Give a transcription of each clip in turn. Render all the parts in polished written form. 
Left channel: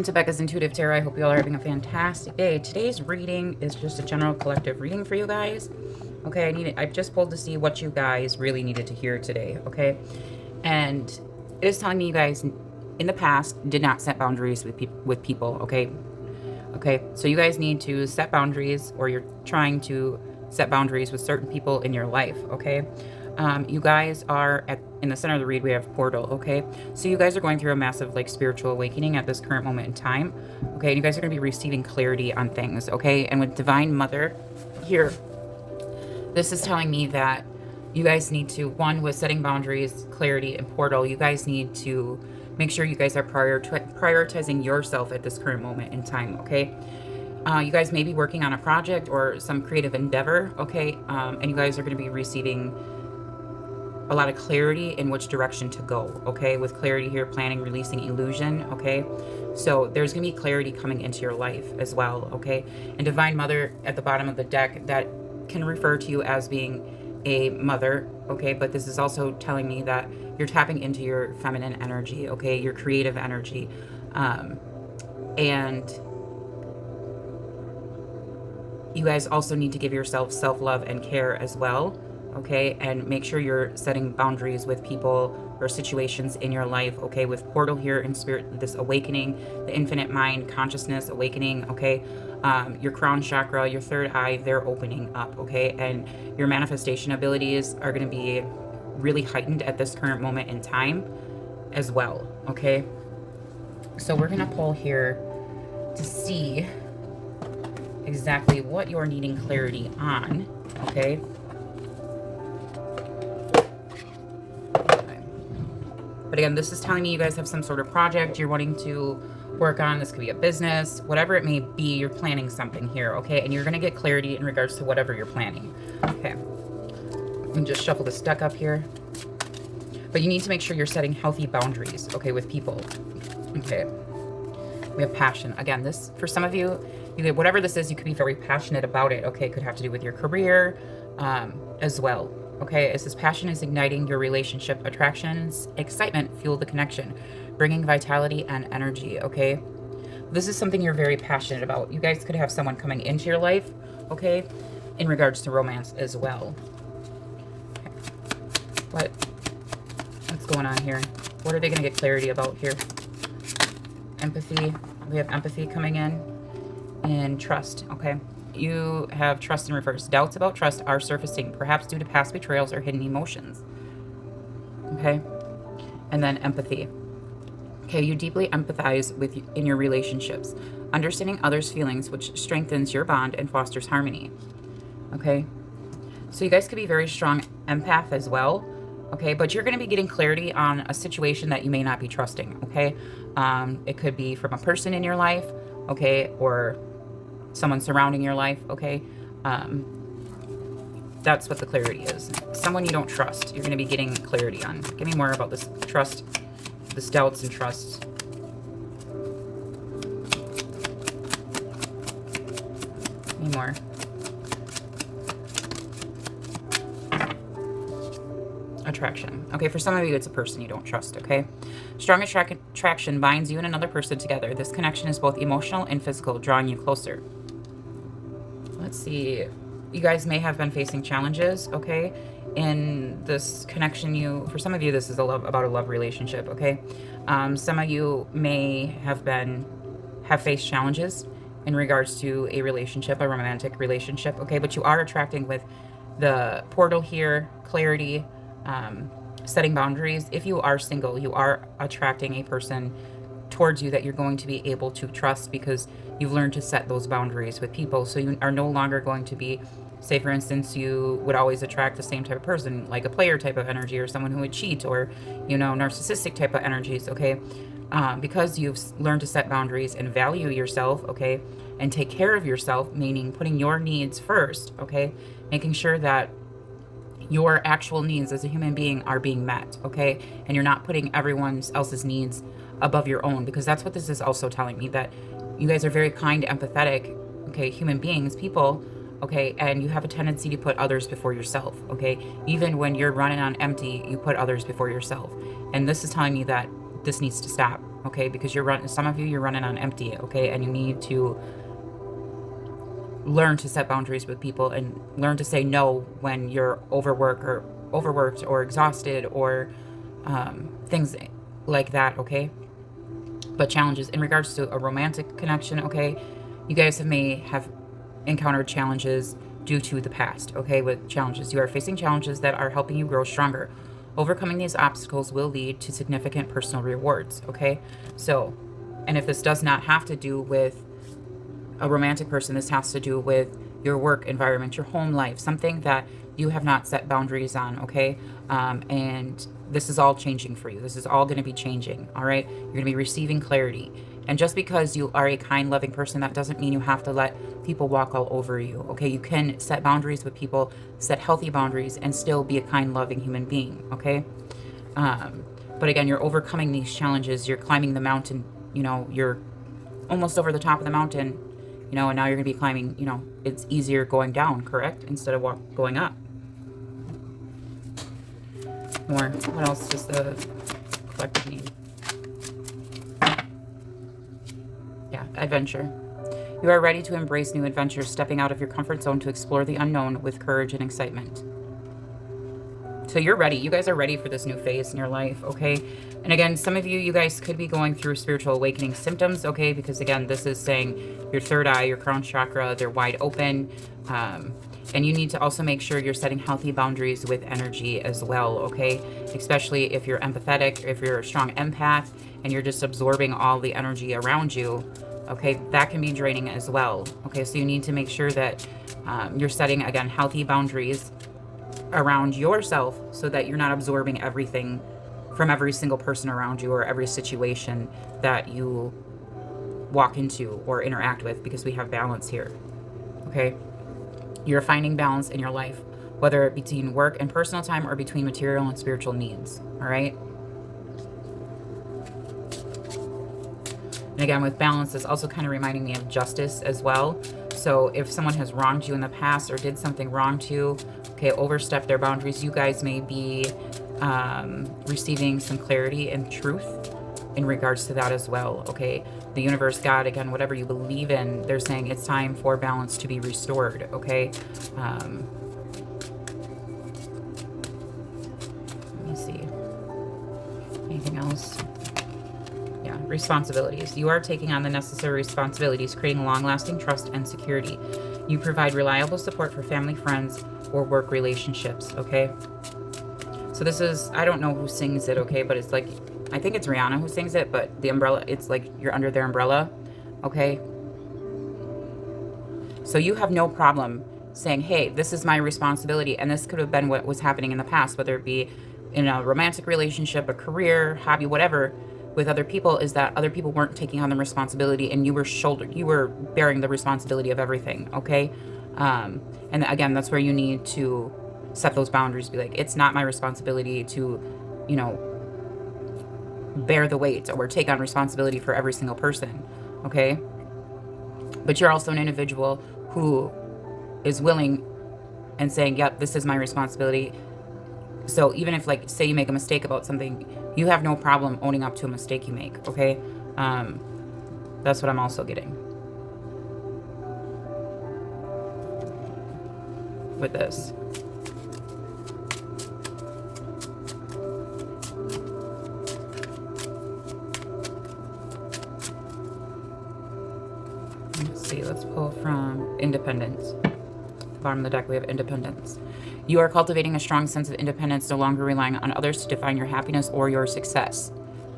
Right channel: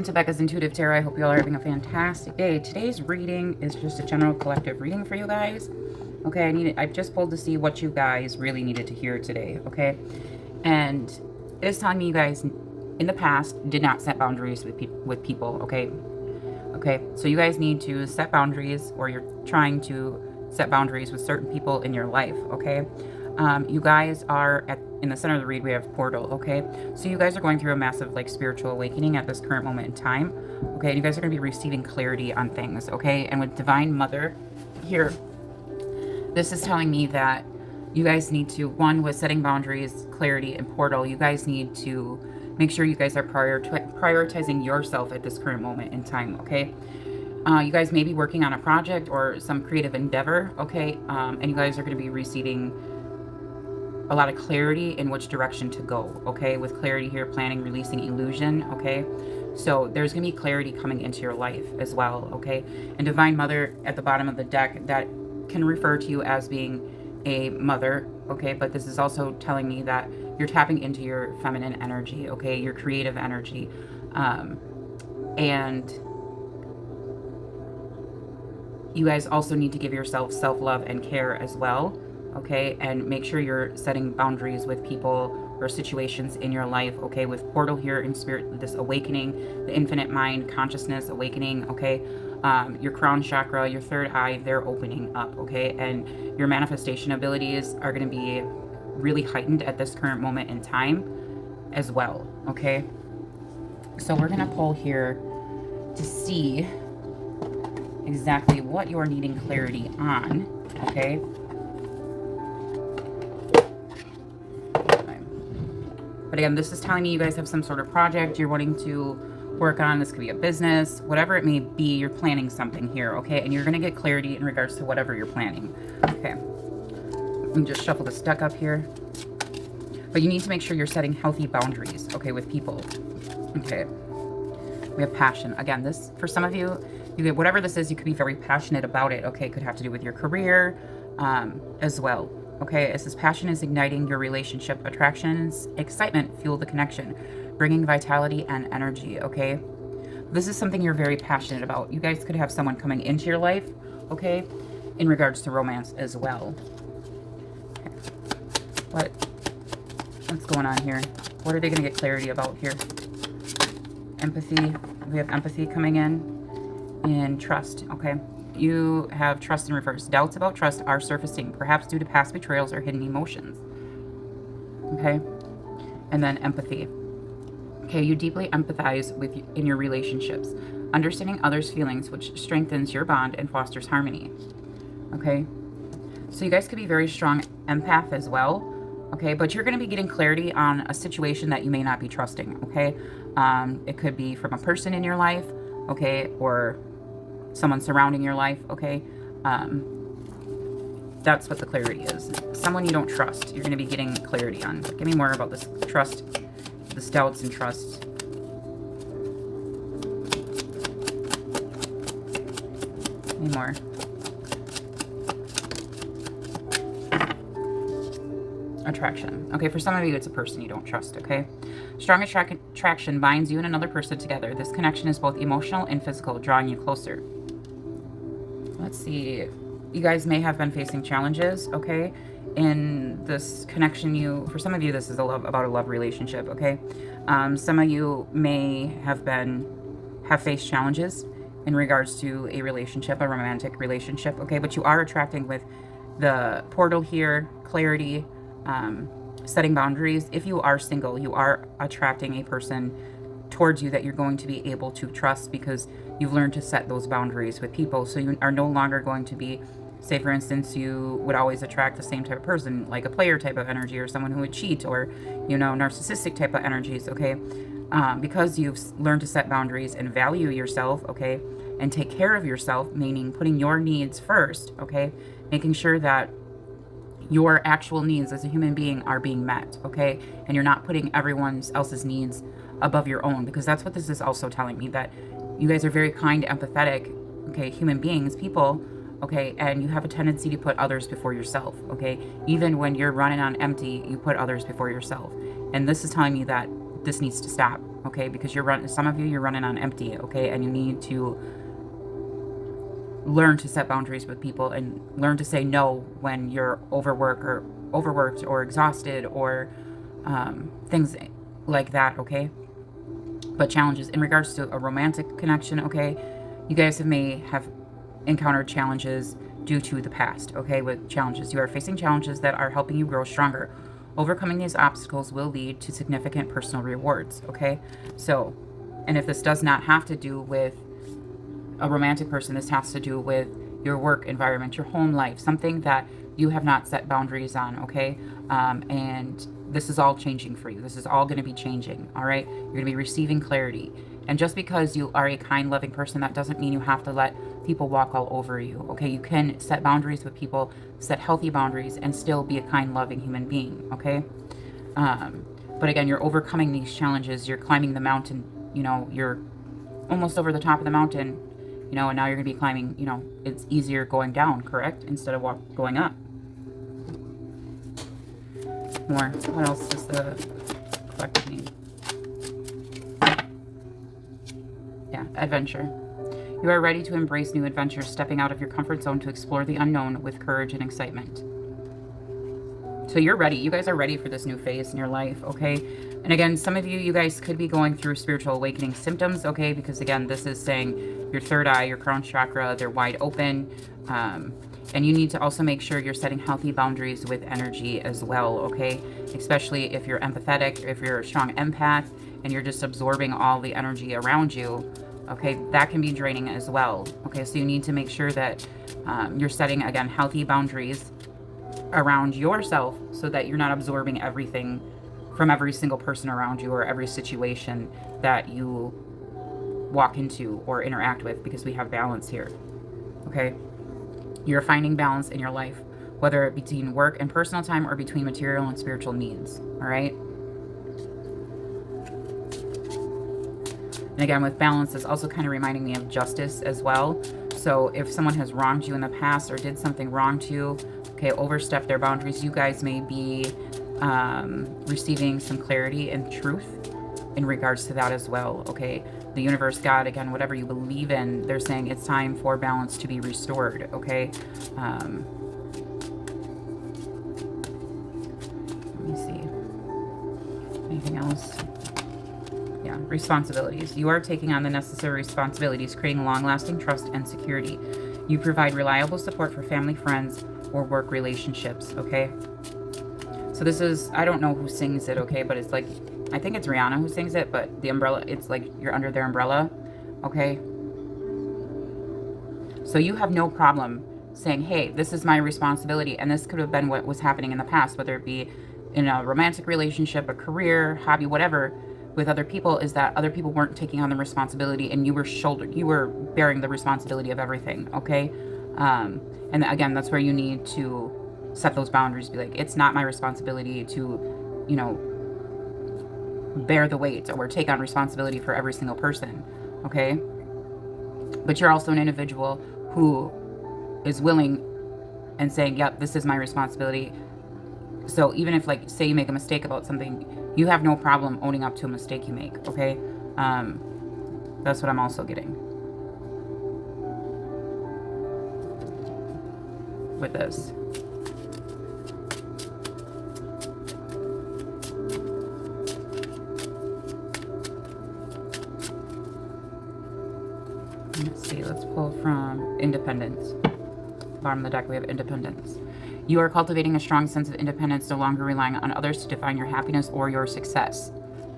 welcome to Becca's Intuitive Tarot. I hope you all are having a fantastic day. Today's reading is just a general collective reading for you guys. Okay, I just pulled to see what you guys really needed to hear today, okay? And it is telling me you guys in the past did not set boundaries with people, okay? Okay, so you guys need to set boundaries, or you're trying to set boundaries with certain people in your life, okay? You guys are in the center of the read, we have portal, okay? So you guys are going through a massive spiritual awakening at this current moment in time, okay? And you guys are going to be receiving clarity on things, okay? And with Divine Mother here, this is telling me that you guys need to, one, with setting boundaries, clarity, and portal, you guys need to make sure you guys are prioritizing yourself at this current moment in time, okay? You guys may be working on a project or some creative endeavor, okay? And you guys are going to be receiving a lot of clarity in which direction to go, okay? With clarity here, planning, releasing, illusion, okay? So there's going to be clarity coming into your life as well, okay? And Divine Mother at the bottom of the deck, that can refer to you as being a mother, okay? But this is also telling me that you're tapping into your feminine energy, okay? Your creative energy. And you guys also need to give yourself self-love and care as well, okay? And make sure you're setting boundaries with people or situations in your life, okay? With portal here in spirit, this awakening, the infinite mind, consciousness, awakening, okay? Your crown chakra, your third eye, they're opening up, okay? And your manifestation abilities are going to be really heightened at this current moment in time as well, okay? So we're going to pull here to see exactly what you're needing clarity on, okay? But again, this is telling me you guys have some sort of project you're wanting to work on. This could be a business, whatever it may be, you're planning something here, okay? And you're going to get clarity in regards to whatever you're planning, okay? And just shuffle this deck up here. But you need to make sure you're setting healthy boundaries, okay, with people, okay? We have passion. Again, this, for some of you, whatever this is, you could be very passionate about it, okay? It could have to do with your career as well. Okay, as this passion is igniting your relationship, attractions, excitement fuel the connection, bringing vitality and energy, okay? This is something you're very passionate about. You guys could have someone coming into your life, okay, in regards to romance as well. Okay. What's going on here? What are they going to get clarity about here? Empathy. We have empathy coming in, and trust, okay? You have trust in reverse. Doubts about trust are surfacing, perhaps due to past betrayals or hidden emotions. Okay? And then empathy. Okay, you deeply empathize in your relationships, understanding others' feelings, which strengthens your bond and fosters harmony. Okay? So you guys could be very strong empath as well. Okay, but you're going to be getting clarity on a situation that you may not be trusting. Okay? It could be from a person in your life, okay, or someone surrounding your life, okay? That's what the clarity is. Someone you don't trust, you're going to be getting clarity on. Give me more about this trust, this doubts and trust. Give me more. Attraction. Okay, for some of you, it's a person you don't trust, okay? Strong attraction binds you and another person together. This connection is both emotional and physical, drawing you closer. Let's see. You guys may have been facing challenges, okay? In this connection, for some of you, this is about a love relationship, okay? Some of you may have faced challenges in regards to a relationship, a romantic relationship, okay? But you are attracting with the portal here, clarity, setting boundaries. If you are single, you are attracting a person towards you that you're going to be able to trust because you've learned to set those boundaries with people. So you are no longer going to be, say for instance, you would always attract the same type of person, like a player type of energy, or someone who would cheat, or, narcissistic type of energies, okay? Because you've learned to set boundaries and value yourself, okay? And take care of yourself, meaning putting your needs first, okay? Making sure that your actual needs as a human being are being met, okay? And you're not putting everyone else's needs above your own, because that's what this is also telling me, that you guys are very kind, empathetic, okay, human beings, people, okay, and you have a tendency to put others before yourself, okay? Even when you're running on empty, you put others before yourself. And this is telling me that this needs to stop, okay? Because some of you, you're running on empty, okay? And you need to learn to set boundaries with people and learn to say no when you're overworked or exhausted or things like that, okay? But challenges in regards to a romantic connection, okay? You guys may have encountered challenges due to the past, okay? With challenges, you are facing challenges that are helping you grow stronger. Overcoming these obstacles will lead to significant personal rewards, okay? So, and if this does not have to do with a romantic person, this has to do with your work environment, your home life, something that you have not set boundaries on, okay? And this is all changing for you. This is all going to be changing, all right? You're going to be receiving clarity. And just because you are a kind, loving person, that doesn't mean you have to let people walk all over you, okay? You can set boundaries with people, set healthy boundaries, and still be a kind, loving human being, okay? But again, you're overcoming these challenges. You're climbing the mountain, you know, you're almost over the top of the mountain, you know, and now you're going to be climbing, you know, it's easier going down, correct? Instead of going up. More. What else does the collective mean? Yeah, adventure. You are ready to embrace new adventures, stepping out of your comfort zone to explore the unknown with courage and excitement. So you're ready. You guys are ready for this new phase in your life, okay? And again, some of you guys could be going through spiritual awakening symptoms, okay? Because again, this is saying your third eye, your crown chakra, they're wide open. And you need to also make sure you're setting healthy boundaries with energy as well, okay? Especially if you're empathetic, if you're a strong empath, and you're just absorbing all the energy around you, okay? That can be draining as well, okay? So you need to make sure that you're setting, again, healthy boundaries around yourself so that you're not absorbing everything from every single person around you or every situation that you walk into or interact with, because we have balance here, okay? You're finding balance in your life, whether it be between work and personal time or between material and spiritual needs, all right? And again, with balance, it's also kind of reminding me of justice as well. So if someone has wronged you in the past or did something wrong to you, okay, overstep their boundaries, you guys may be receiving some clarity and truth in regards to that as well, okay? The universe, God, again, whatever you believe in, they're saying it's time for balance to be restored, okay? Let me see. Anything else? Yeah, responsibilities. You are taking on the necessary responsibilities, creating long-lasting trust and security. You provide reliable support for family, friends, or work relationships, okay? So this is, I don't know who sings it, okay, but it's like, I think it's Rihanna who sings it, but the umbrella, it's like you're under their umbrella, okay? So you have no problem saying, hey, this is my responsibility, and this could have been what was happening in the past, whether it be in a romantic relationship, a career, hobby, whatever, with other people, is that other people weren't taking on the responsibility and you were bearing the responsibility of everything, okay? And again, that's where you need to set those boundaries, be like, it's not my responsibility to, you know, bear the weight or take on responsibility for every single person, okay? But you're also an individual who is willing and saying, yep, this is my responsibility. So even if, like, say you make a mistake about something, you have no problem owning up to a mistake you make, okay? That's what I'm also getting with this. Let's see, let's pull from Independence. At the bottom of the deck, we have Independence. You are cultivating a strong sense of independence, no longer relying on others to define your happiness or your success.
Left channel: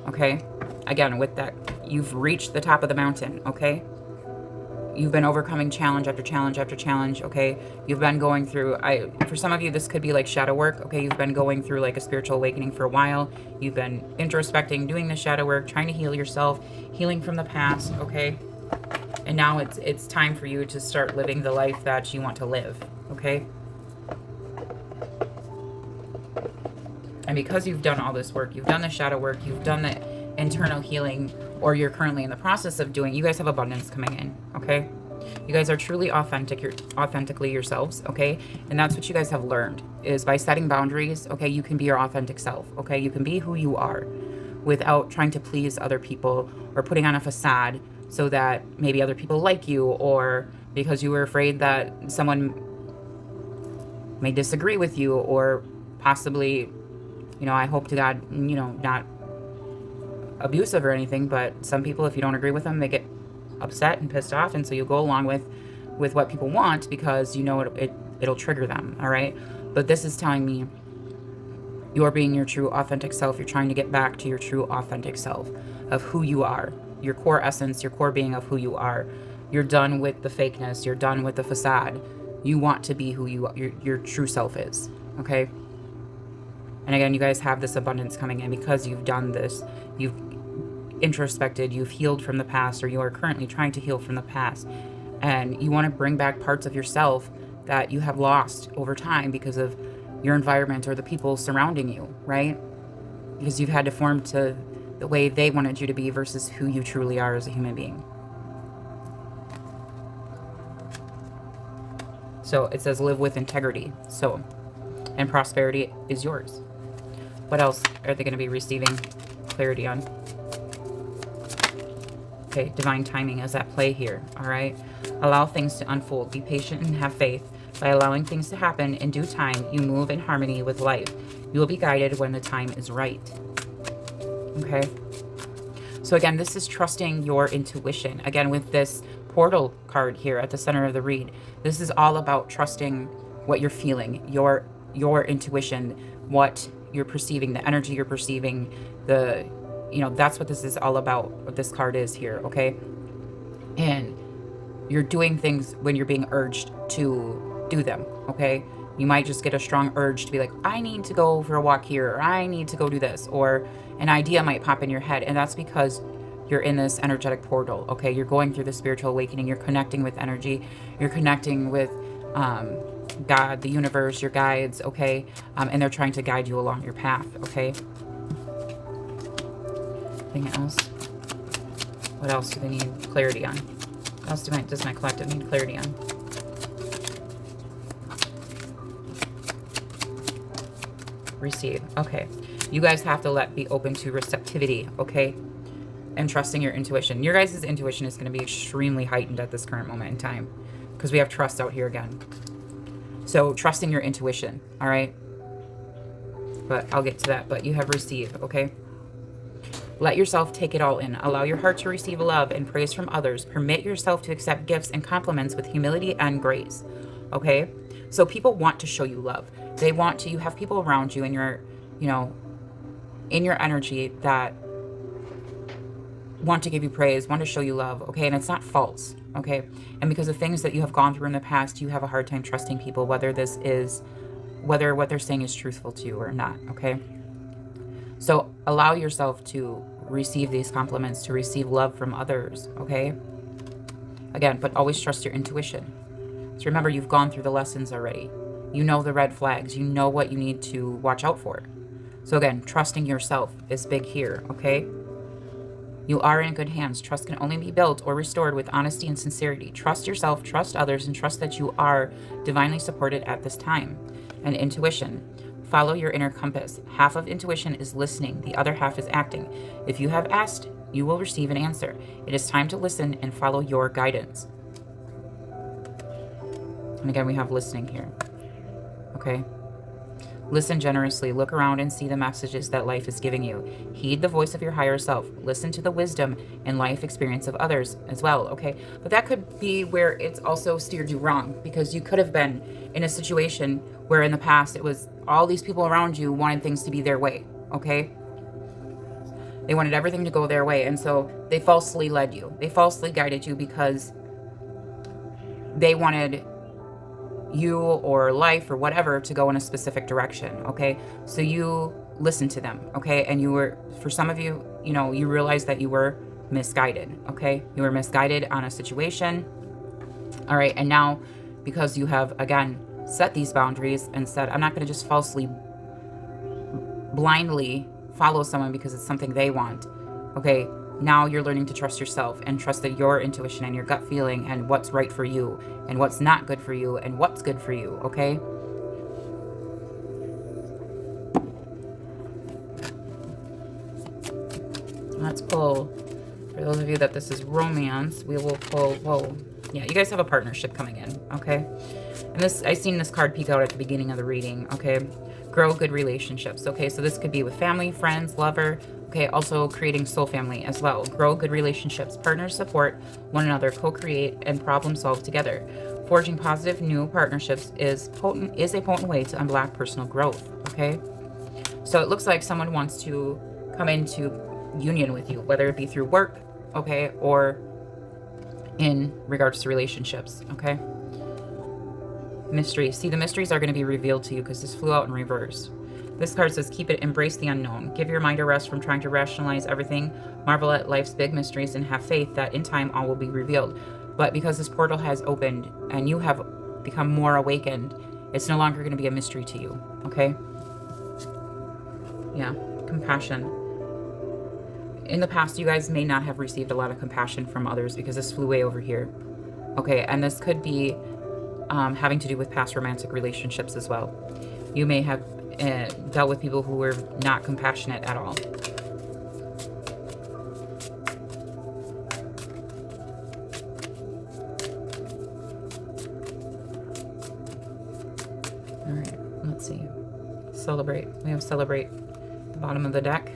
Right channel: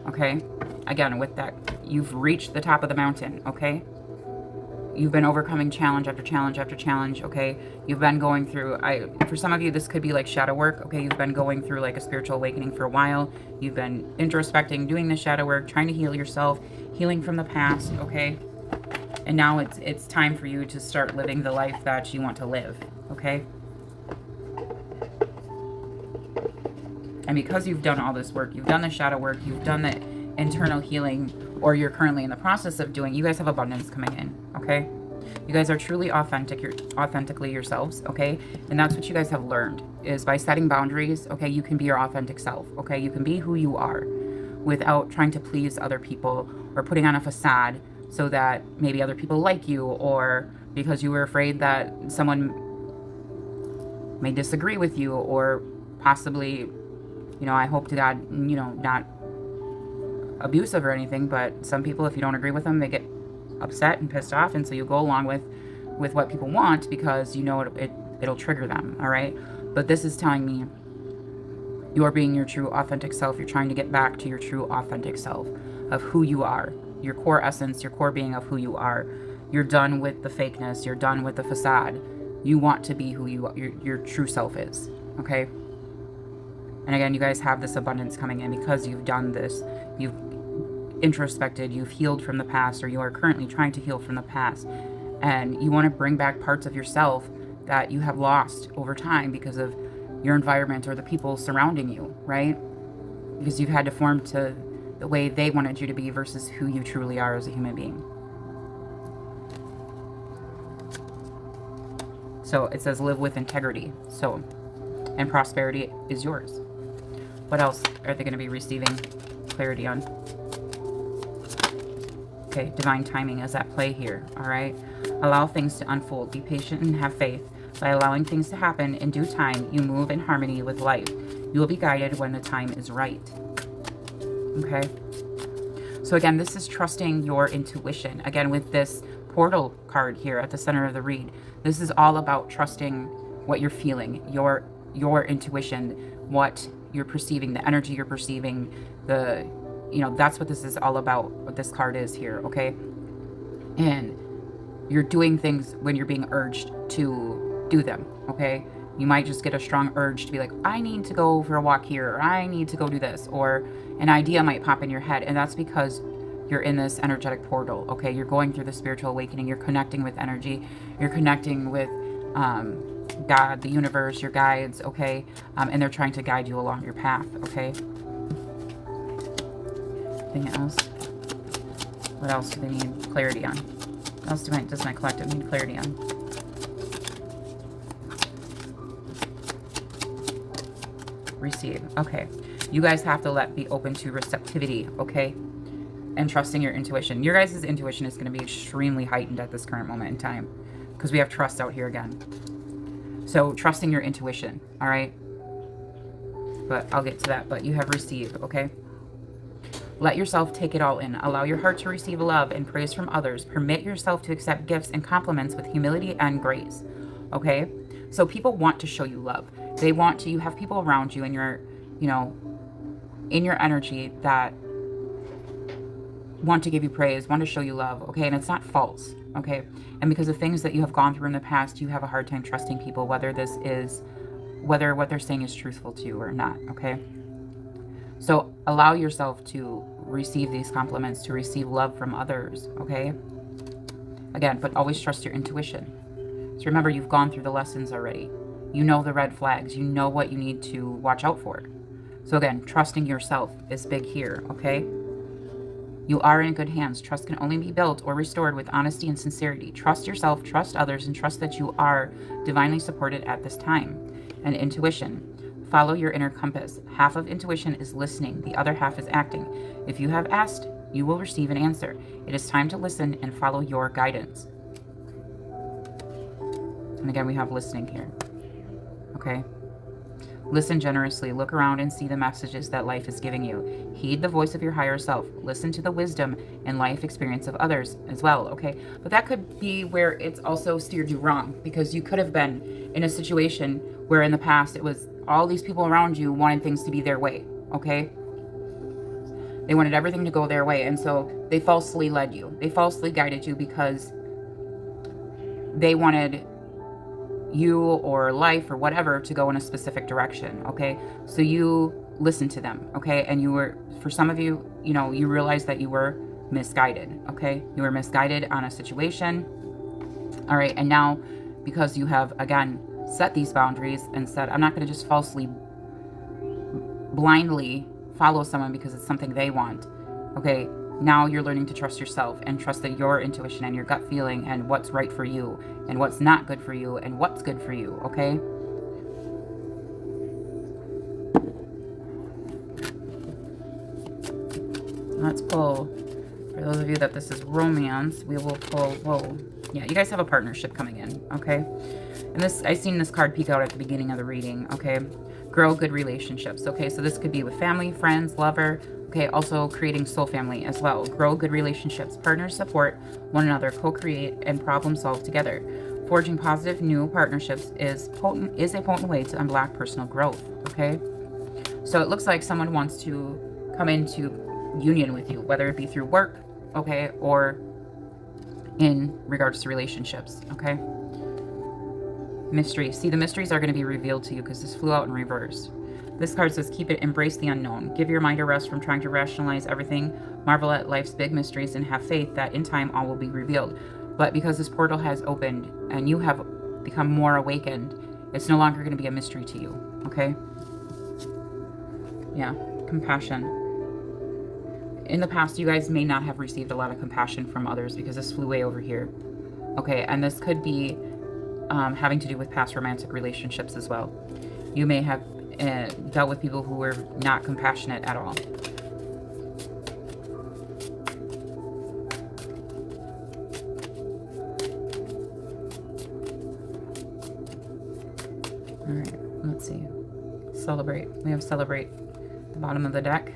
Okay? Again, with that, you've reached the top of the mountain, okay? You've been overcoming challenge after challenge after challenge, okay? You've been going through, for some of you, this could be like shadow work, okay? You've been going through like a spiritual awakening for a while. You've been introspecting, doing the shadow work, trying to heal yourself, healing from the past, okay? And now it's time for you to start living the life that you want to live, okay? And because you've done all this work, you've done the shadow work, you've done the internal healing, or you're currently in the process of doing, you guys have abundance coming in, okay? You guys are truly authentic, you're authentically yourselves, okay? And that's what you guys have learned, is by setting boundaries, okay, you can be your authentic self, okay? You can be who you are, without trying to please other people or putting on a facade so that maybe other people like you, or because you were afraid that someone may disagree with you, or possibly, I hope to God, not abusive or anything, but some people, if you don't agree with them, they get upset and pissed off, and so you go along with what people want because it'll trigger them, all right? But this is telling me you're being your true authentic self. You're trying to get back to your true authentic self of who you are, your core essence, your core being of who you are. You're done with the fakeness. You're done with the facade. You want to be who your true self is, okay? And again, you guys have this abundance coming in because you've done this. You've introspected, you've healed from the past, or you are currently trying to heal from the past. And you want to bring back parts of yourself that you have lost over time because of your environment or the people surrounding you, right? Because you've had to form to the way they wanted you to be versus who you truly are as a human being. So it says live with integrity. So, and prosperity is yours. What else are they going to be receiving clarity on? Okay, divine timing is at play here, all right? Allow things to unfold. Be patient and have faith. By allowing things to happen in due time, you move in harmony with life. You will be guided when the time is right. Okay? So again, this is trusting your intuition. Again, with this portal card here at the center of the read, this is all about trusting what you're feeling, your intuition, what you're perceiving, the energy you're perceiving, that's what this is all about, what this card is here, okay? And you're doing things when you're being urged to do them, okay? You might just get a strong urge to be like, I need to go for a walk here, or I need to go do this, or an idea might pop in your head, and that's because you're in this energetic portal, okay? You're going through the spiritual awakening, you're connecting with energy, you're connecting with God, the universe, your guides, okay? And they're trying to guide you along your path, okay? Anything else? What else do they need clarity on? What else does my collective need clarity on? Receive. Okay. You guys have to be open to receptivity, okay? And trusting your intuition. Your guys' intuition is going to be extremely heightened at this current moment in time because we have trust out here again. So trusting your intuition, all right? But I'll get to that. But you have received, okay? Let yourself take it all in. Allow your heart to receive love and praise from others. Permit yourself to accept gifts and compliments with humility and grace. Okay? So people want to show you love. They want to, you have people around you in your, in your energy that want to give you praise, want to show you love, okay? And it's not false, okay? And because of things that you have gone through in the past, you have a hard time trusting people, whether what they're saying is truthful to you or not, okay? So allow yourself to receive these compliments, to receive love from others, okay? Again, but always trust your intuition. So remember, you've gone through the lessons already. You know the red flags. You know what you need to watch out for. So again, trusting yourself is big here, okay? You are in good hands. Trust can only be built or restored with honesty and sincerity. Trust yourself, trust others, and trust that you are divinely supported at this time. And intuition. Follow your inner compass. Half of intuition is listening. The other half is acting. If you have asked, you will receive an answer. It is time to listen and follow your guidance. And again, we have listening here. Okay? Listen generously. Look around and see the messages that life is giving you. Heed the voice of your higher self. Listen to the wisdom and life experience of others as well, okay? But that could be where it's also steered you wrong, because you could have been in a situation where in the past it was all these people around you wanted things to be their way, okay? They wanted everything to go their way, and so they falsely led you. They falsely guided you because they wanted you or life or whatever to go in a specific direction, okay? So you listened to them, okay? And you were, for some of you, you realized that you were misguided, okay? You were misguided on a situation, all right? And now, because you have, again, set these boundaries and said, I'm not going to just falsely, blindly follow someone because it's something they want, okay? Now you're learning to trust yourself and trust that your intuition and your gut feeling and what's right for you and what's not good for you and what's good for you, okay? Let's pull, for those of you that this is romance, we will pull, whoa. Yeah, you guys have a partnership coming in, okay? And this, I seen this card peek out at the beginning of the reading, okay? Grow good relationships, okay? So this could be with family, friends, lover, okay? Also creating soul family as well. Grow good relationships, partners support one another, co-create, and problem solve together. Forging positive new partnerships is a potent way to unblock personal growth, okay? So it looks like someone wants to come into union with you, whether it be through work, okay, or in regards to relationships, okay? Mysteries. See, the mysteries are going to be revealed to you because this flew out in reverse. This card says, keep it, embrace the unknown. Give your mind a rest from trying to rationalize everything. Marvel at life's big mysteries and have faith that in time all will be revealed. But because this portal has opened and you have become more awakened, it's no longer going to be a mystery to you, okay? Yeah, compassion. In the past, you guys may not have received a lot of compassion from others because this flew way over here. Okay, and this could be having to do with past romantic relationships as well. You may have dealt with people who were not compassionate at all. All right, let's see. Celebrate. We have celebrate at the bottom of the deck.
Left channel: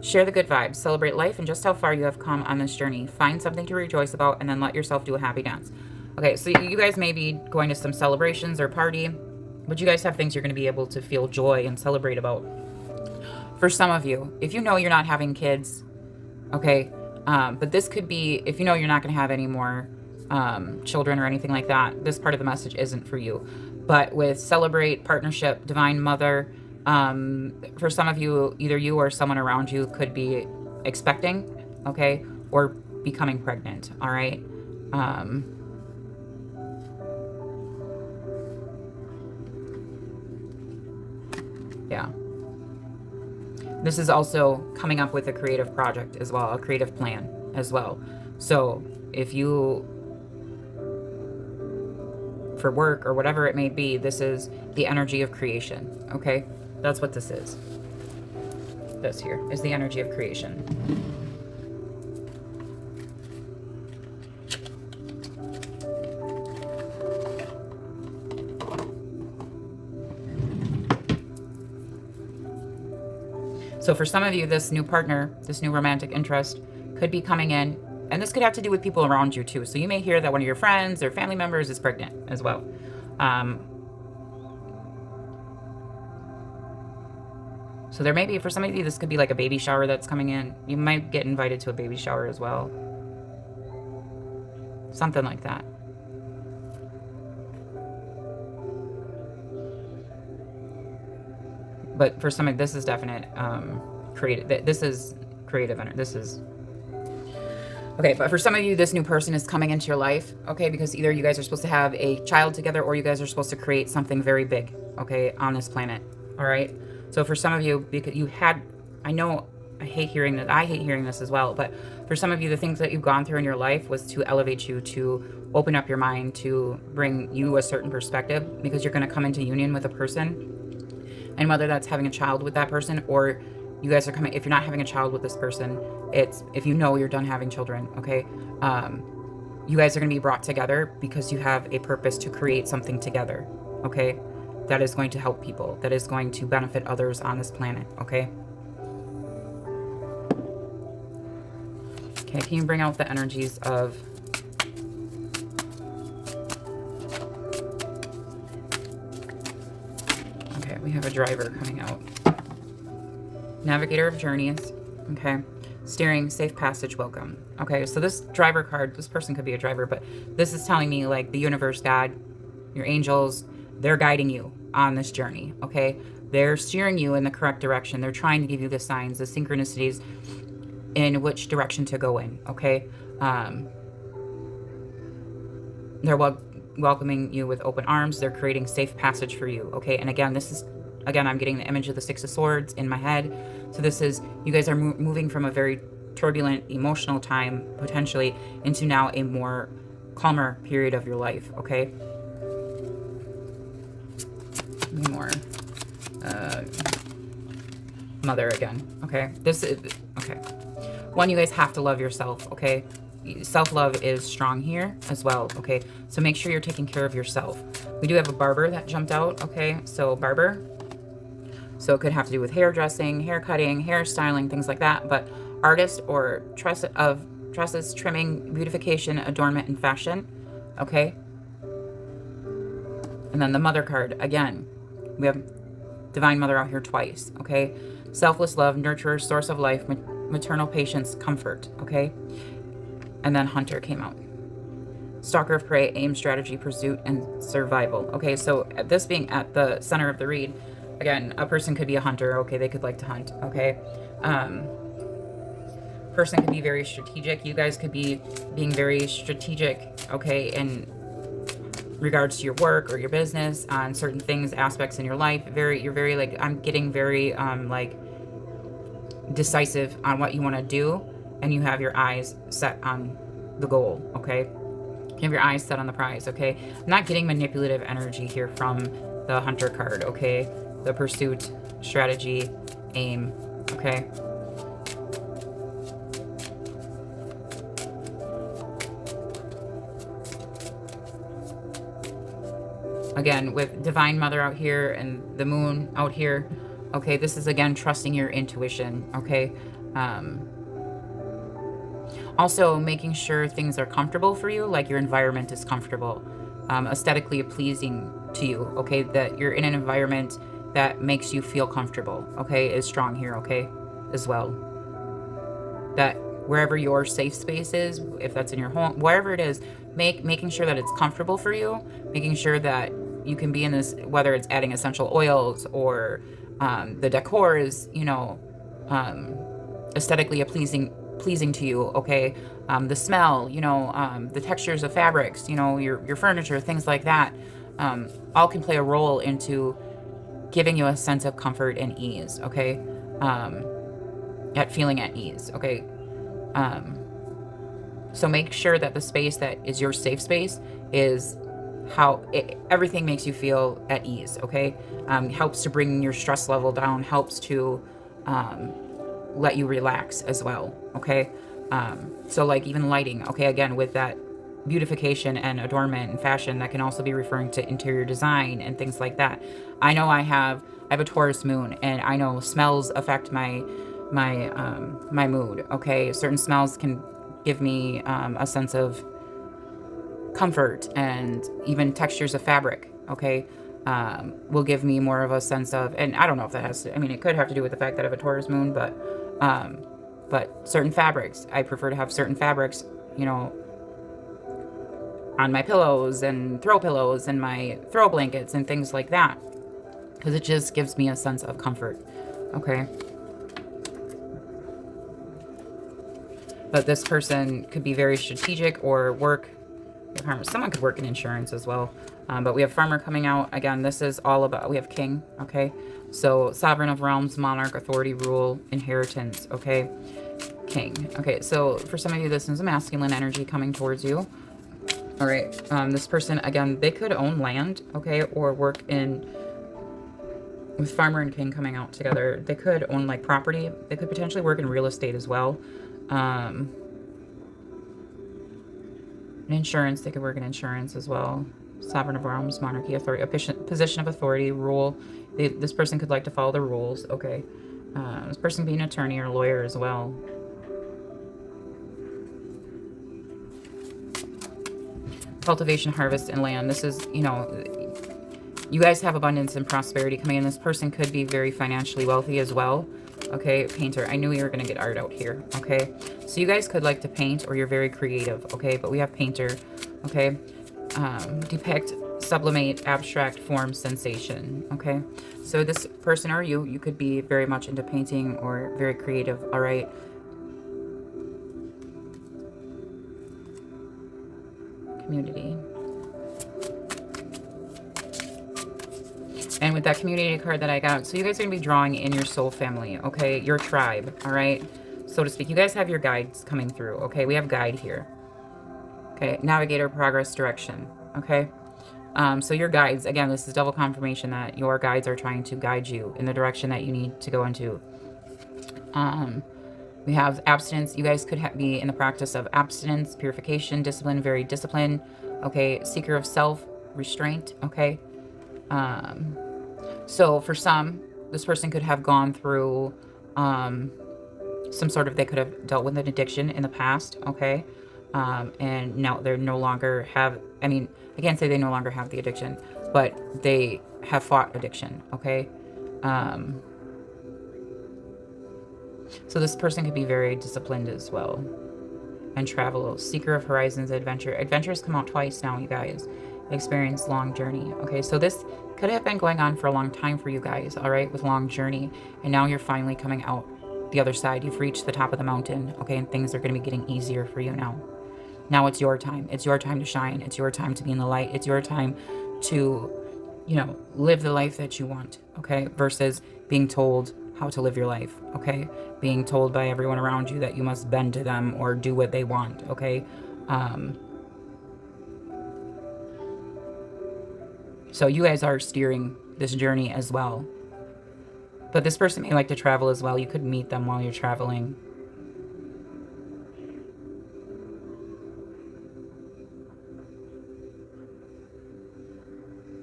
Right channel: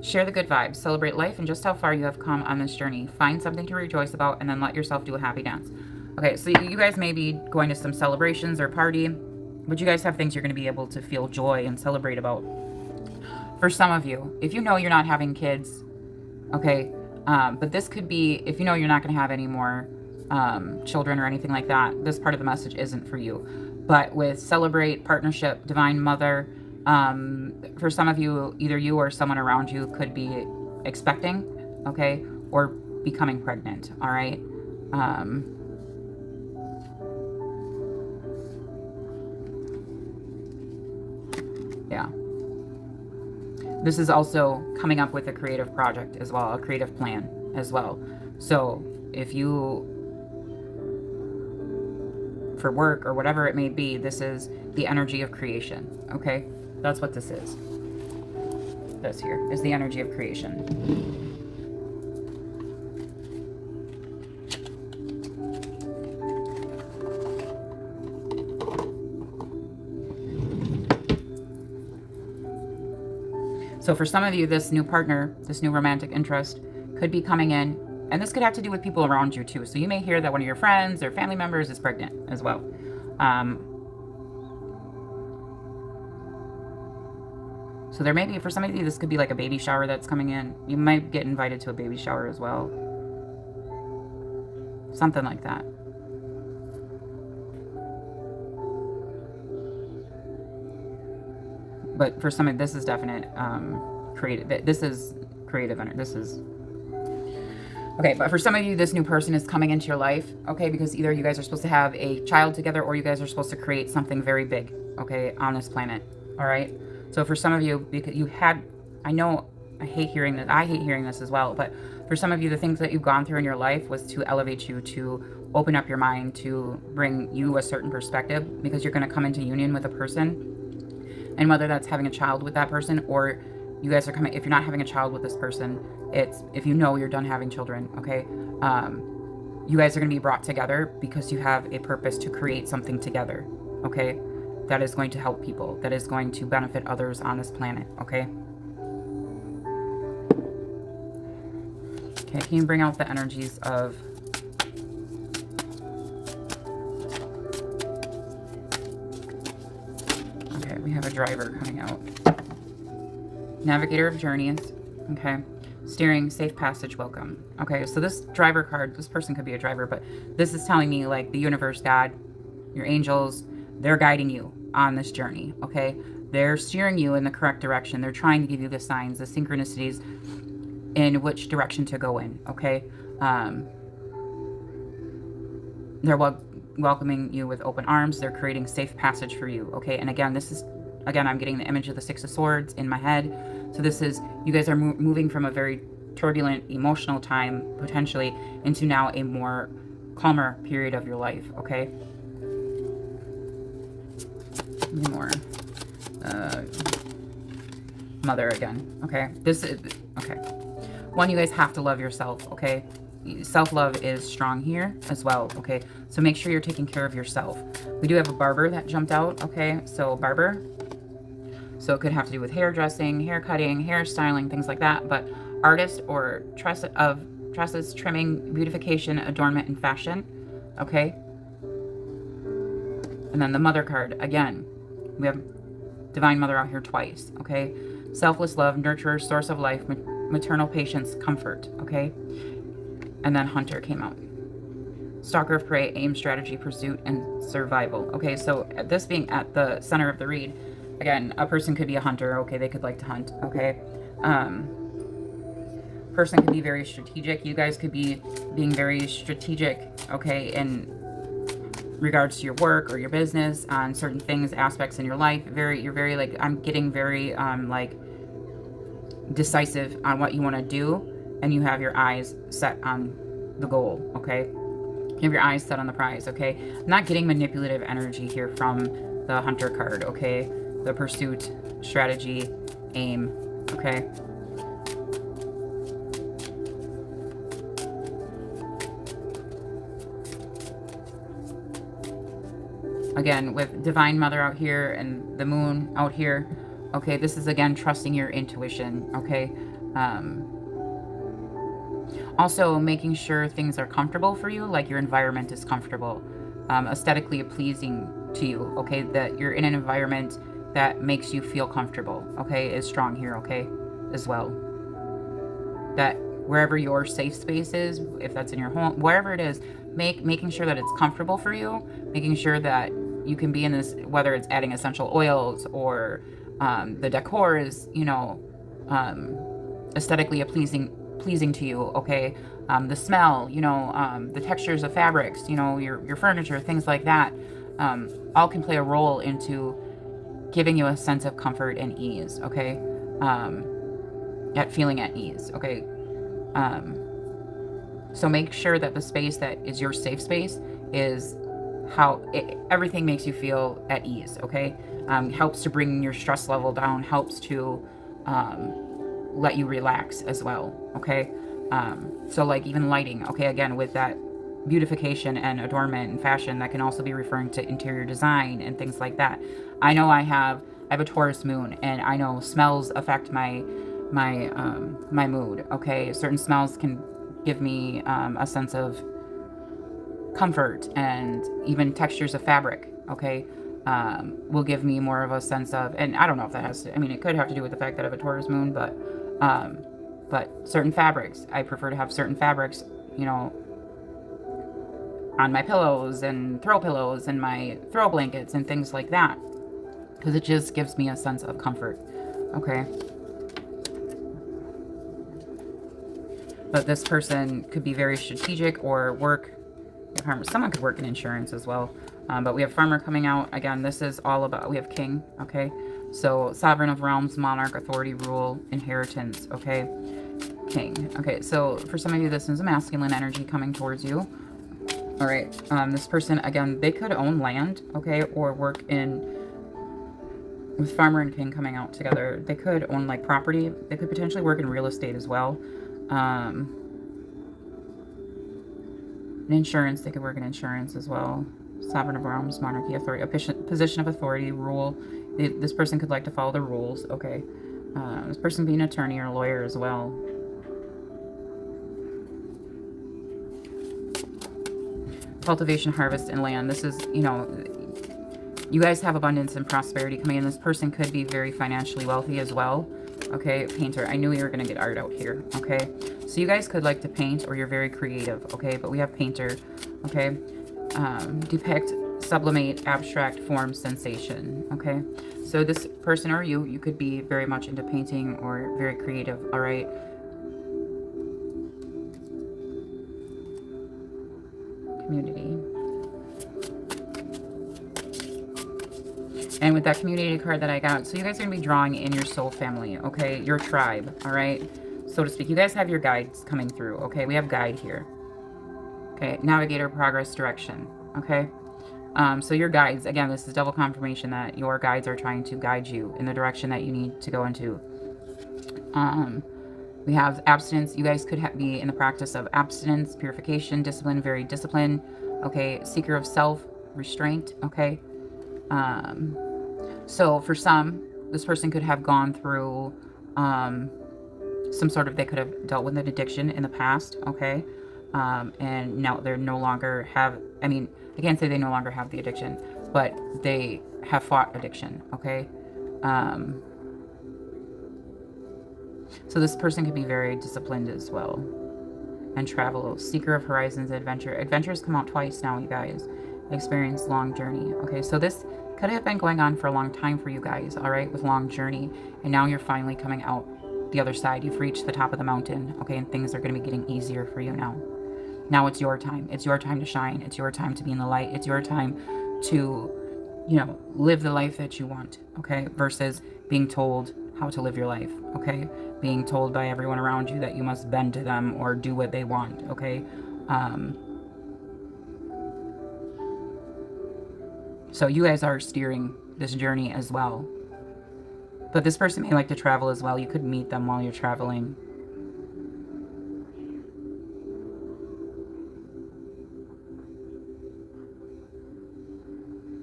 Share the good vibes. Celebrate life and just how far you have come on this journey. Find something to rejoice about and then let yourself do a happy dance. Okay, so you guys may be going to some celebrations or party, but you guys have things you're going to be able to feel joy and celebrate about. For some of you, if you know you're not having kids, okay, but this could be, if you know you're not going to have any more children or anything like that, this part of the message isn't for you. But with celebrate, partnership, divine mother, for some of you, either you or someone around you could be expecting, okay, or becoming pregnant, all right? Yeah. This is also coming up with a creative project as well, a creative plan as well. So if you, for work or whatever it may be, this is the energy of creation, okay? That's what this is. This here is the energy of creation. So for some of you, this new partner, this new romantic interest could be coming in, and this could have to do with people around you too. So you may hear that one of your friends or family members is pregnant as well. So there may be, for some of you, this could be like a baby shower that's coming in. You might get invited to a baby shower as well. Something like that. But for some of this is definite creative. This is creative energy. This is okay. But for some of you, this new person is coming into your life. Okay, because either you guys are supposed to have a child together, or you guys are supposed to create something very big. Okay, on this planet. All right. So for some of you, because you had, I know, I hate hearing this. I hate hearing this as well. But for some of you, the things that you've gone through in your life was to elevate you, to open up your mind, to bring you a certain perspective, because you're going to come into union with a person. And whether that's having a child with that person, or you guys are coming, if you're not having a child with this person, it's, if you know you're done having children, okay? You guys are going to be brought together because you have a purpose to create something together, okay? That is going to help people, that is going to benefit others on this planet, okay? Okay, can you bring out the energies of we have a driver coming out. Navigator of journeys. Okay. Steering, safe passage, welcome. Okay, so this driver card, this person could be a driver, but this is telling me like the universe, God, your angels, they're guiding you on this journey, okay? They're steering you in the correct direction. They're trying to give you the signs, the synchronicities in which direction to go in, okay? They're welcoming you with open arms. They're creating safe passage for you, okay? And again, this is, again, I'm getting the image of the Six of Swords in my head. So this is, you guys are moving from a very turbulent, emotional time, potentially, into now a more calmer period of your life, okay? More. Mother again, okay? This is, okay. One, you guys have to love yourself, okay? Self-love is strong here as well, okay? So make sure you're taking care of yourself. We do have a barber that jumped out, okay? So barber. So it could have to do with hairdressing, hair cutting, hairstyling, things like that. But artist or tresses, trimming, beautification, adornment, and fashion, okay? And then the mother card, again, we have Divine Mother out here twice, okay? Selfless love, nurturer, source of life, maternal patience, comfort, okay? And then Hunter came out. Stalker of prey, aim, strategy, pursuit, and survival. Okay, so this being at the center of the read, again, a person could be a hunter. Okay, they could like to hunt. Okay. Person could be very strategic. You guys could be being very strategic, okay, in regards to your work or your business, on certain things, aspects in your life. You're very like, I'm getting very like decisive on what you want to do, and you have your eyes set on the goal, okay? You have your eyes set on the prize, okay? I'm not getting manipulative energy here from the Hunter card, okay? The pursuit, strategy, aim, okay? Again, with Divine Mother out here and the Moon out here, okay, this is, again, trusting your intuition, okay? Also, making sure things are comfortable for you, like your environment is comfortable, aesthetically pleasing to you, okay? That you're in an environment that makes you feel comfortable, okay, is strong here, okay, as well. That wherever your safe space is, if that's in your home, wherever it is, making sure that it's comfortable for you, making sure that you can be in this, whether it's adding essential oils or the decor is, you know, aesthetically pleasing to you, okay? The smell, you know, the textures of fabrics, you know, your furniture, things like that, all can play a role into giving you a sense of comfort and ease, okay? At feeling at ease, okay? So make sure that the space that is your safe space is how everything makes you feel at ease, okay? Helps to bring your stress level down, helps to let you relax as well, okay? So like even lighting, okay, again, with that beautification and adornment and fashion, that can also be referring to interior design and things like that. I know I have a Taurus moon, and I know smells affect my mood, okay? Certain smells can give me a sense of comfort, and even textures of fabric, okay, will give me more of a sense of, and I don't know if that has to, I mean, it could have to do with the fact that I have a Taurus moon, but certain fabrics, I prefer to have certain fabrics, you know, on my pillows and throw pillows and my throw blankets and things like that, because it just gives me a sense of comfort, okay? But this person could be very strategic or work, someone could work in insurance as well. But we have Farmer coming out. Again, this is all about, we have King, okay? So Sovereign of Realms, Monarch, Authority, Rule, Inheritance, okay? King. Okay, so for some of you, this is a masculine energy coming towards you. All right, this person, again, they could own land, okay, or work in, with Farmer and King coming out together, they could own, like, property. They could potentially work in real estate as well. In insurance, they could work in insurance as well. Sovereign of Realms, Monarchy, Authority, a position of authority, rule. This person could like to follow the rules, okay. This person being an attorney or a lawyer as well. Cultivation, harvest, and land. This is, you know, you guys have abundance and prosperity coming in. This person could be very financially wealthy as well. Okay, painter. I knew you were going to get art out here. Okay, so you guys could like to paint, or you're very creative. Okay, but we have painter. Okay, depict, sublimate, abstract, form, sensation. Okay, so this person or you could be very much into painting or very creative. All right. Community. And with that community card that I got, so you guys are going to be drawing in your soul family, okay? Your tribe, all right? So to speak. You guys have your guides coming through, okay? We have guide here. Okay, navigator, progress, direction, okay? So your guides, again, this is double confirmation that your guides are trying to guide you in the direction that you need to go into. We have abstinence. You guys could be in the practice of abstinence, purification, discipline, very disciplined. Okay, seeker of self, restraint. Okay. So for some, this person could have gone through some sort of, they could have dealt with an addiction in the past. Okay. And now they're no longer have, I mean, I can't say they no longer have the addiction, but they have fought addiction. Okay. So this person could be very disciplined as well. And travel, seeker of horizons, adventure. Adventures come out twice now, you guys. Experience long journey. Okay, so this could have been going on for a long time for you guys, all right, with long journey. And now you're finally coming out the other side. You've reached the top of the mountain, okay, and things are going to be getting easier for you now. Now it's your time. It's your time to shine. It's your time to be in the light. It's your time to, you know, live the life that you want, okay, versus being told how to live your life, okay? Being told by everyone around you that you must bend to them or do what they want, okay? So you guys are steering this journey as well. But this person may like to travel as well. You could meet them while you're traveling.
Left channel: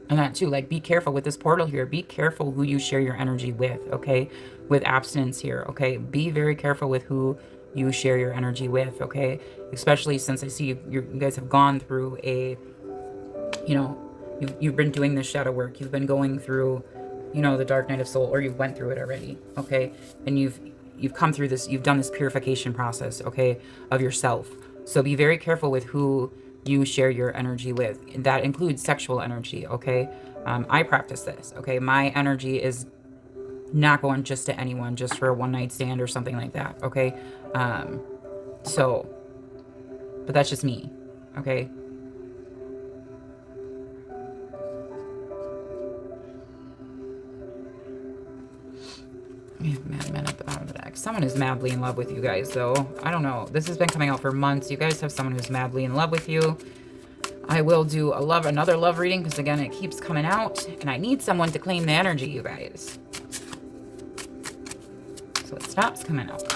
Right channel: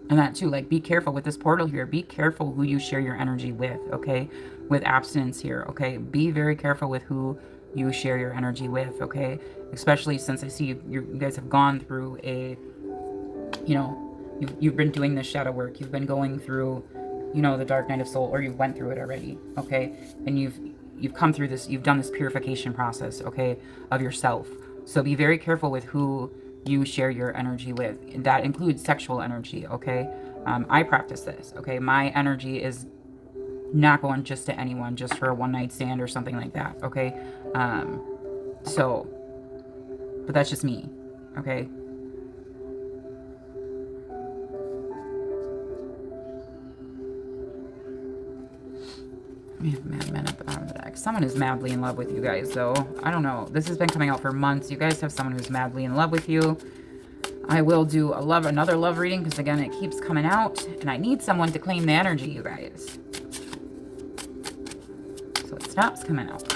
And that too, like, be careful with this portal here. Be careful who you share your energy with, okay? With abstinence here, okay? Be very careful with who you share your energy with, okay? Especially since I see you guys have gone through a, you know, you've been doing this shadow work. You've been going through, you know, the dark night of soul, or you went through it already, okay? And you've come through this, you've done this purification process, okay, of yourself. So be very careful with who you share your energy with. That includes sexual energy, okay? I practice this, okay? My energy is not going just to anyone, just for a one-night stand or something like that, okay? So, but that's just me, okay? We have madmen at the bottom of the deck. Someone is madly in love with you guys, though. I don't know. This has been coming out for months. You guys have someone who's madly in love with you. I will do another love reading, because again, it keeps coming out, and I need someone to claim the energy, you guys. So it stops coming out.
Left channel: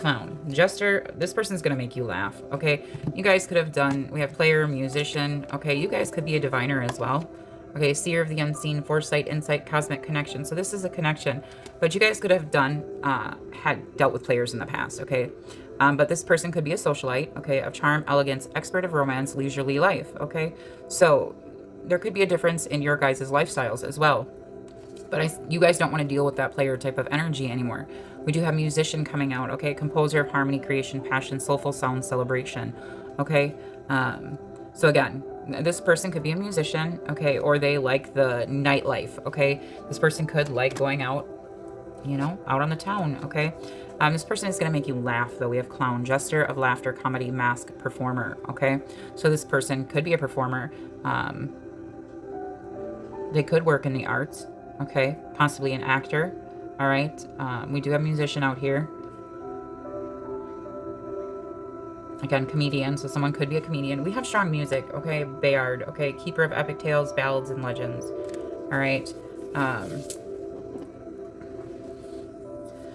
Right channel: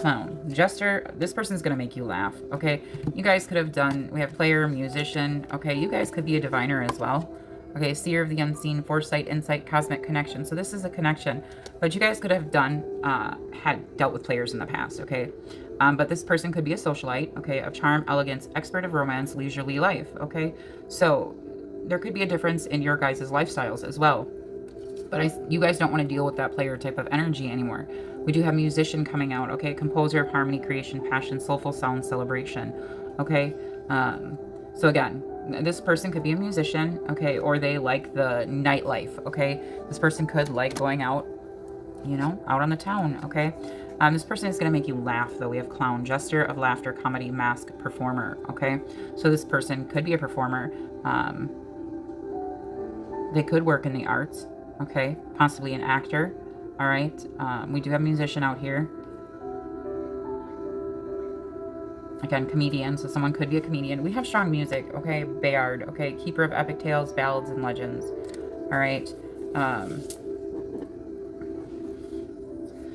Clown. Jester. This person's going to make you laugh, okay? You guys could have done, we have player, musician, okay? You guys could be a diviner as well. Okay, seer of the unseen, foresight, insight, cosmic connection. So this is a connection. But you guys could have done, had dealt with players in the past, okay? But this person could be a socialite, okay, of charm, elegance, expert of romance, leisurely life, okay? So there could be a difference in your guys' lifestyles as well. But you guys don't want to deal with that player type of energy anymore. We do have musician coming out, okay? Composer of harmony, creation, passion, soulful sound, celebration, okay? So again, this person could be a musician, okay, or they like the nightlife, okay? This person could like going out, you know, out on the town, okay? This person is going to make you laugh, though. We have clown, jester of laughter, comedy, mask, performer, okay? So this person could be a performer. They could work in the arts, okay? Possibly an actor, all right? We do have a musician out here. Again, comedian, so someone could be a comedian. We have strong music, okay? Bayard, okay? Keeper of epic tales, ballads, and legends, all right?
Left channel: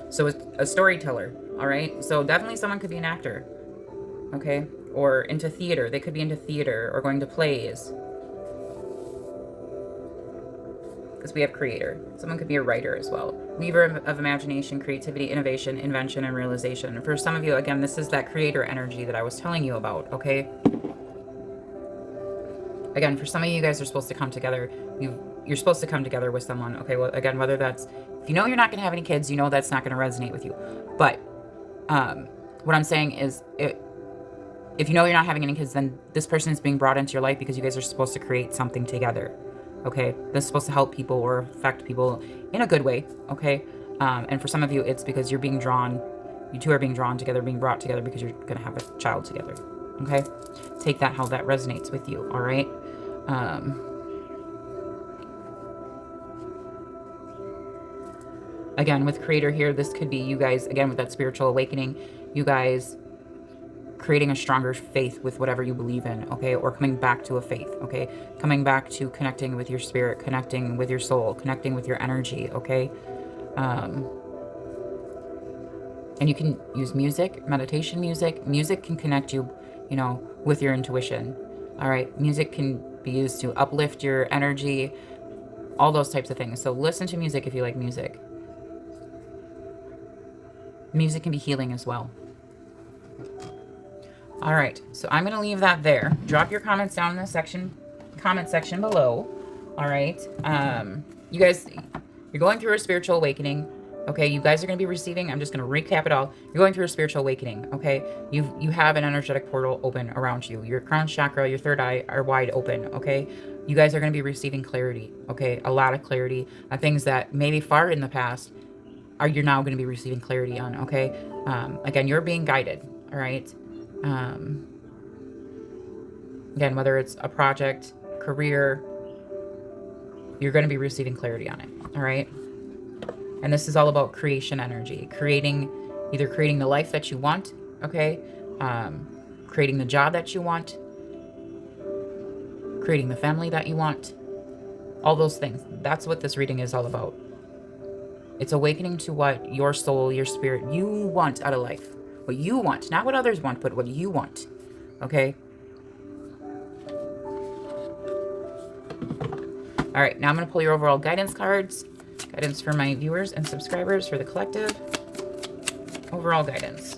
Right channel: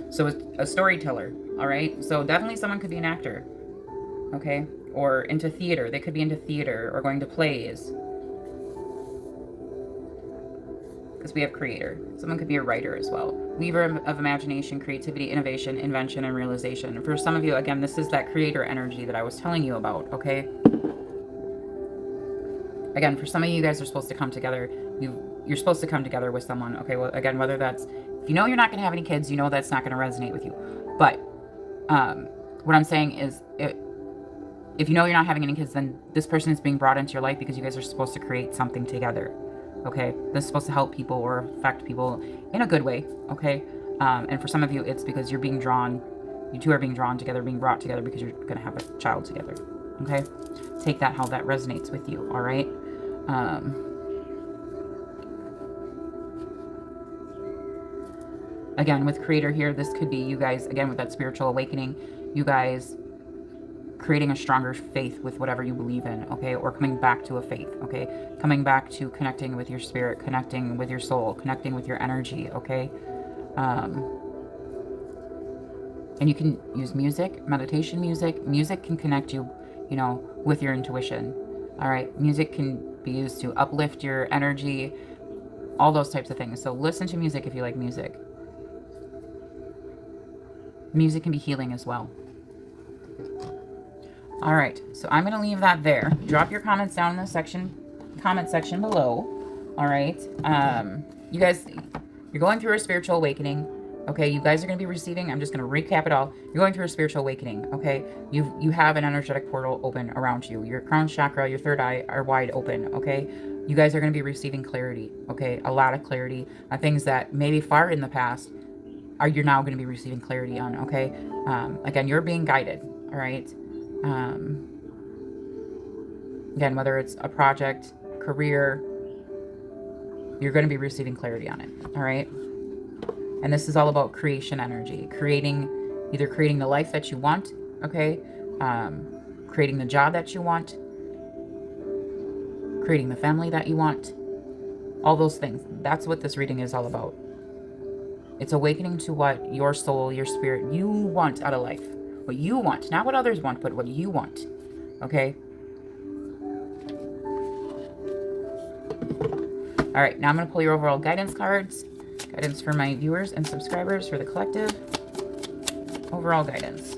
So a storyteller, all right? So definitely someone could be an actor, okay? Or into theater. They could be into theater or going to plays. Because we have creator. Someone could be a writer as well. Weaver of imagination, creativity, innovation, invention, and realization. For some of you, again, this is that creator energy that I was telling you about, okay? Again, for some of you guys are supposed to come together. You're supposed to come together with someone, okay? Well, again, whether that's, if you know you're not going to have any kids, you know that's not going to resonate with you. But what I'm saying is, if you know you're not having any kids, then this person is being brought into your life because you guys are supposed to create something together. Okay, this is supposed to help people or affect people in a good way, okay? And for some of you, it's because you're being drawn, you two are being drawn together, being brought together because you're going to have a child together, okay? Take that how that resonates with you, all right? Again, with creator here, this could be you guys, again, with that spiritual awakening, you guys creating a stronger faith with whatever you believe in, okay? Or coming back to a faith, okay? Coming back to connecting with your spirit, connecting with your soul, connecting with your energy, okay? And you can use music, meditation music. Music can connect you, with your intuition. All right. Music can be used to uplift your energy, all those types of things. So listen to music if you like music. Music can be healing as well. All right. So I'm going to leave that there. Drop your comments down in the comment section below. All right. You guys, you're going through a spiritual awakening. Okay, you guys are going to be receiving, I'm just going to recap it all. You're going through a spiritual awakening, okay? You have an energetic portal open around you. Your crown chakra, your third eye are wide open, okay? You guys are going to be receiving clarity, okay? A lot of clarity on things that maybe far in the past you're now going to be receiving clarity on, okay? Again, you're being guided, all right? Again, whether it's a project, career, you're going to be receiving clarity on it, all right? And this is all about creation energy, either creating the life that you want, okay? Creating the job that you want, creating the family that you want, all those things. That's what this reading is all about. It's awakening to what your soul, your spirit, you want out of life. What you want, not what others want, but what you want, okay? All right, now I'm going to pull your overall guidance cards. Guidance for my viewers and subscribers for the collective. Overall guidance.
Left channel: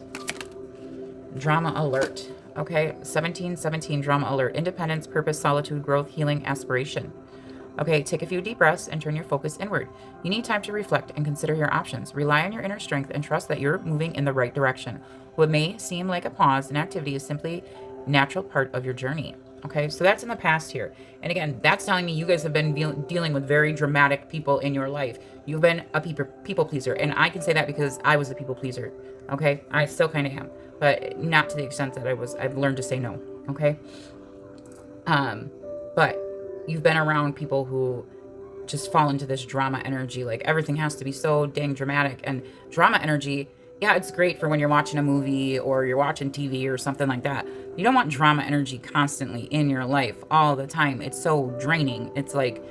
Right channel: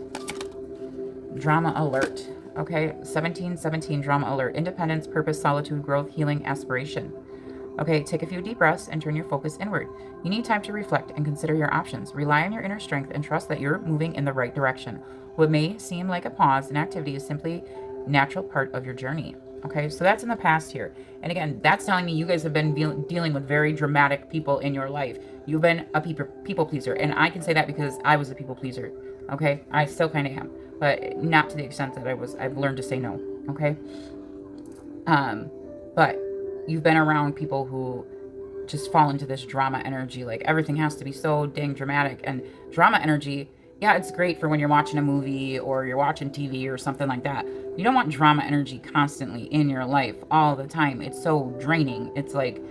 Drama alert. Okay, 1717 drama alert. Independence, purpose, solitude, growth, healing, aspiration. Okay, take a few deep breaths and turn your focus inward. You need time to reflect and consider your options. Rely on your inner strength and trust that you're moving in the right direction. What may seem like a pause in activity is simply a natural part of your journey. Okay, so that's in the past here. And again, that's telling me you guys have been dealing with very dramatic people in your life. You've been a people pleaser. And I can say that because I was a people pleaser. Okay, I still kind of am. But not to the extent that I've learned to say no. Okay. But you've been around people who just fall into this drama energy. Like everything has to be so dang dramatic. And drama energy, yeah, it's great for when you're watching a movie or you're watching TV or something like that. You don't want drama energy constantly in your life all the time. It's so draining. It's like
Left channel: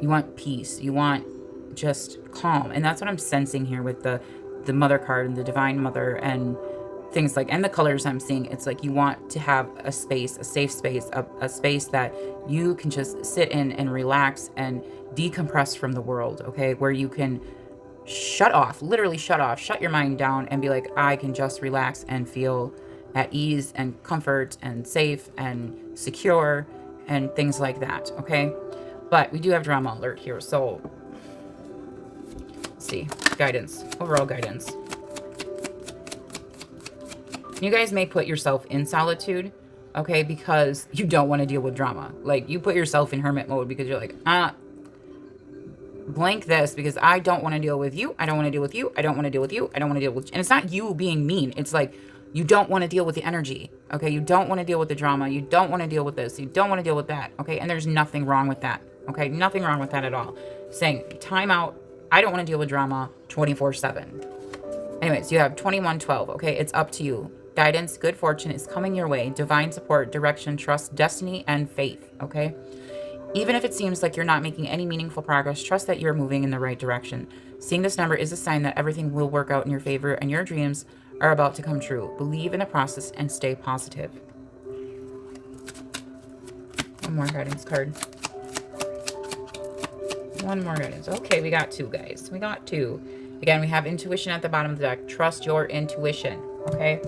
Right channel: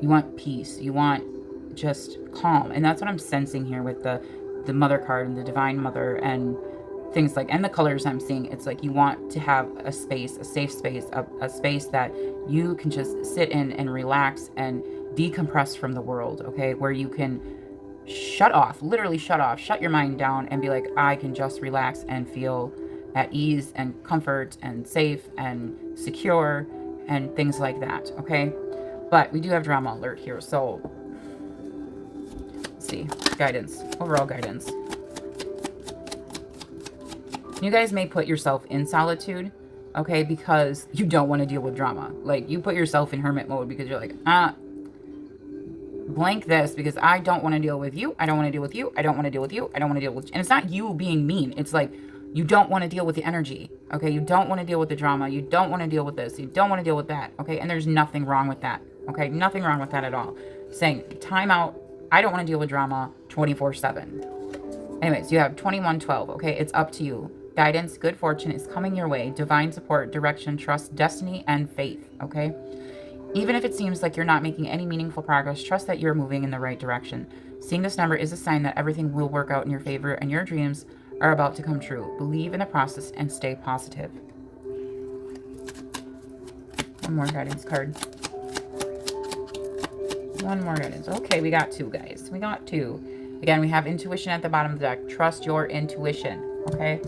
you want peace. You want just calm. And that's what I'm sensing here with the mother card and the divine mother and things like, and the colors I'm seeing. It's like you want to have a space, a safe space, a space that you can just sit in and relax and decompress from the world, okay? Where you can shut off, literally shut off, shut your mind down and be like, I can just relax and feel at ease and comfort and safe and secure and things like that, okay? But we do have drama alert here, so let's see. Guidance, overall guidance. You guys may put yourself in solitude, okay, because you don't want to deal with drama. Like, you put yourself in hermit mode because you're like, blank this because I don't want to deal with you. I don't want to deal with you. I don't want to deal with you. I don't want to deal with... And it's not you being mean. It's like, you don't want to deal with the energy, okay? You don't want to deal with the drama. You don't want to deal with this. You don't want to deal with that, okay? And there's nothing wrong with that, okay? Nothing wrong with that at all. Saying, time out. I don't want to deal with drama 24/7. Anyways, you have 2112, okay? It's up to you. Guidance, good fortune is coming your way. Divine support, direction, trust, destiny, and faith, okay? Even if it seems like you're not making any meaningful progress, trust that you're moving in the right direction. Seeing this number is a sign that everything will work out in your favor and your dreams are about to come true. Believe in the process and stay positive. One more guidance card. One more guidance. Okay, we got two, guys. We got two. Again, we have intuition at the bottom of the deck. Trust your intuition, okay?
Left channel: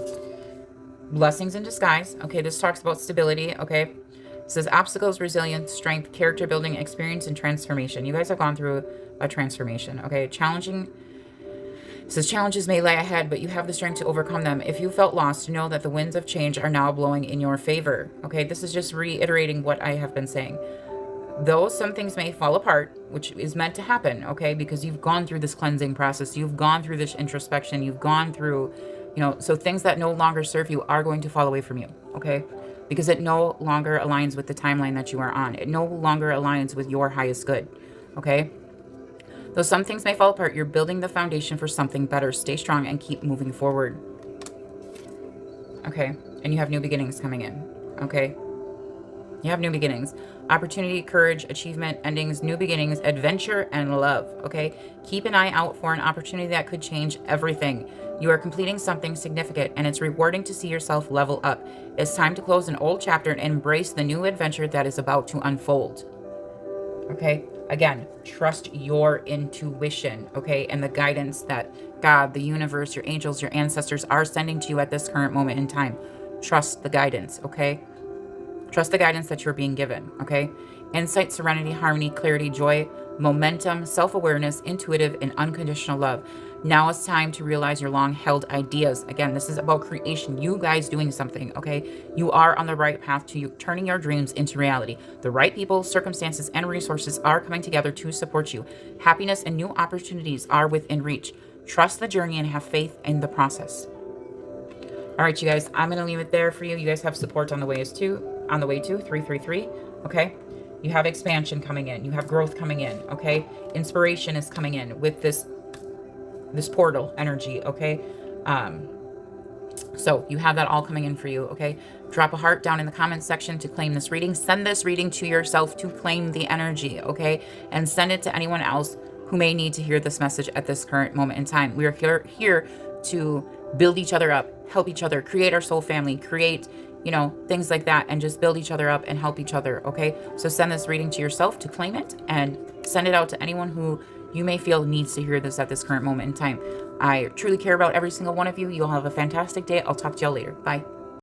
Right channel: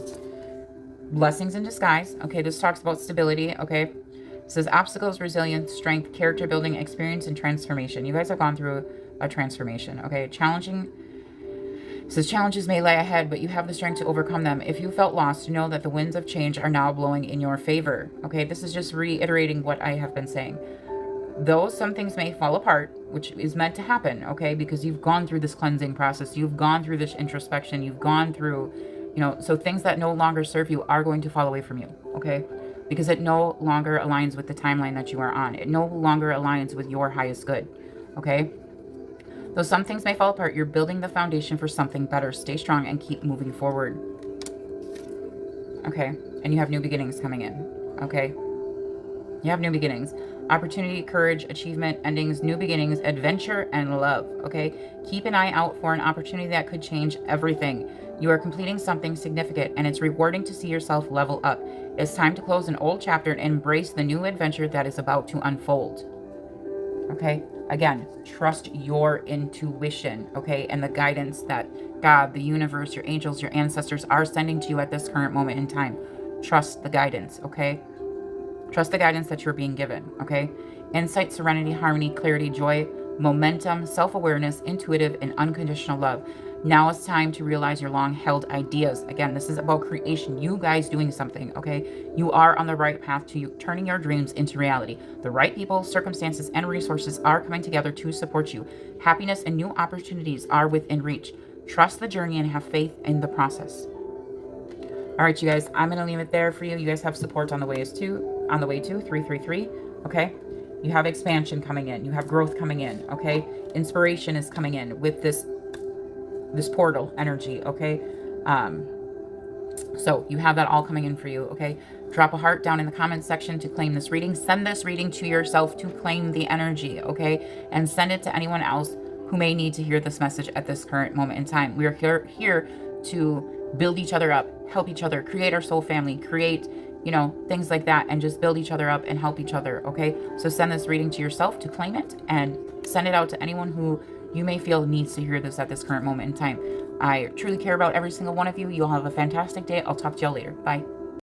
Blessings in disguise. Okay, this talks about stability, okay? It says obstacles, resilience, strength, character building, experience, and transformation. You guys have gone through a transformation, okay? It says challenges may lie ahead, but you have the strength to overcome them. If you felt lost, know that the winds of change are now blowing in your favor, okay? This is just reiterating what I have been saying. Though some things may fall apart, which is meant to happen, okay? Because you've gone through this cleansing process. You've gone through this introspection. You've gone through, so things that no longer serve you are going to fall away from you, okay? Because it no longer aligns with the timeline that you are on. It no longer aligns with your highest good, okay? Though some things may fall apart, you're building the foundation for something better. Stay strong and keep moving forward. Okay, and you have new beginnings coming in, okay? You have new beginnings. Opportunity, courage, achievement, endings, new beginnings, adventure, and love, okay? Keep an eye out for an opportunity that could change everything. You are completing something significant, and it's rewarding to see yourself level up. It's time to close an old chapter and embrace the new adventure that is about to unfold. Okay? Again, trust your intuition, okay? And the guidance that God, the universe, your angels, your ancestors are sending to you at this current moment in time. Trust the guidance, okay? Trust the guidance that you're being given, okay? Insight, serenity, harmony, clarity, joy, momentum, self-awareness, intuitive, and unconditional love. Now it's time to realize your long-held ideas. Again, this is about creation. You guys doing something, okay? You are on the right path to turning your dreams into reality. The right people, circumstances, and resources are coming together to support you. Happiness and new opportunities are within reach. Trust the journey and have faith in the process. All right, you guys, I'm going to leave it there for you. You guys have support on the way too, 333, okay? You have expansion coming in. You have growth coming in, okay? Inspiration is coming in with this portal energy, okay? So you have that all coming in for you, okay? Drop a heart down in the comments section to claim this reading. Send this reading to yourself to claim the energy, okay? And send it to anyone else who may need to hear this message at this current moment in time. We are here to build each other up, help each other, create our soul family, create, things like that, and just build each other up and help each other, okay? So send this reading to yourself to claim it, and send it out to anyone who you may feel needs to hear this at this current moment in time. I truly care about every single one of you. You'll have a fantastic day. I'll talk to y'all later. Bye.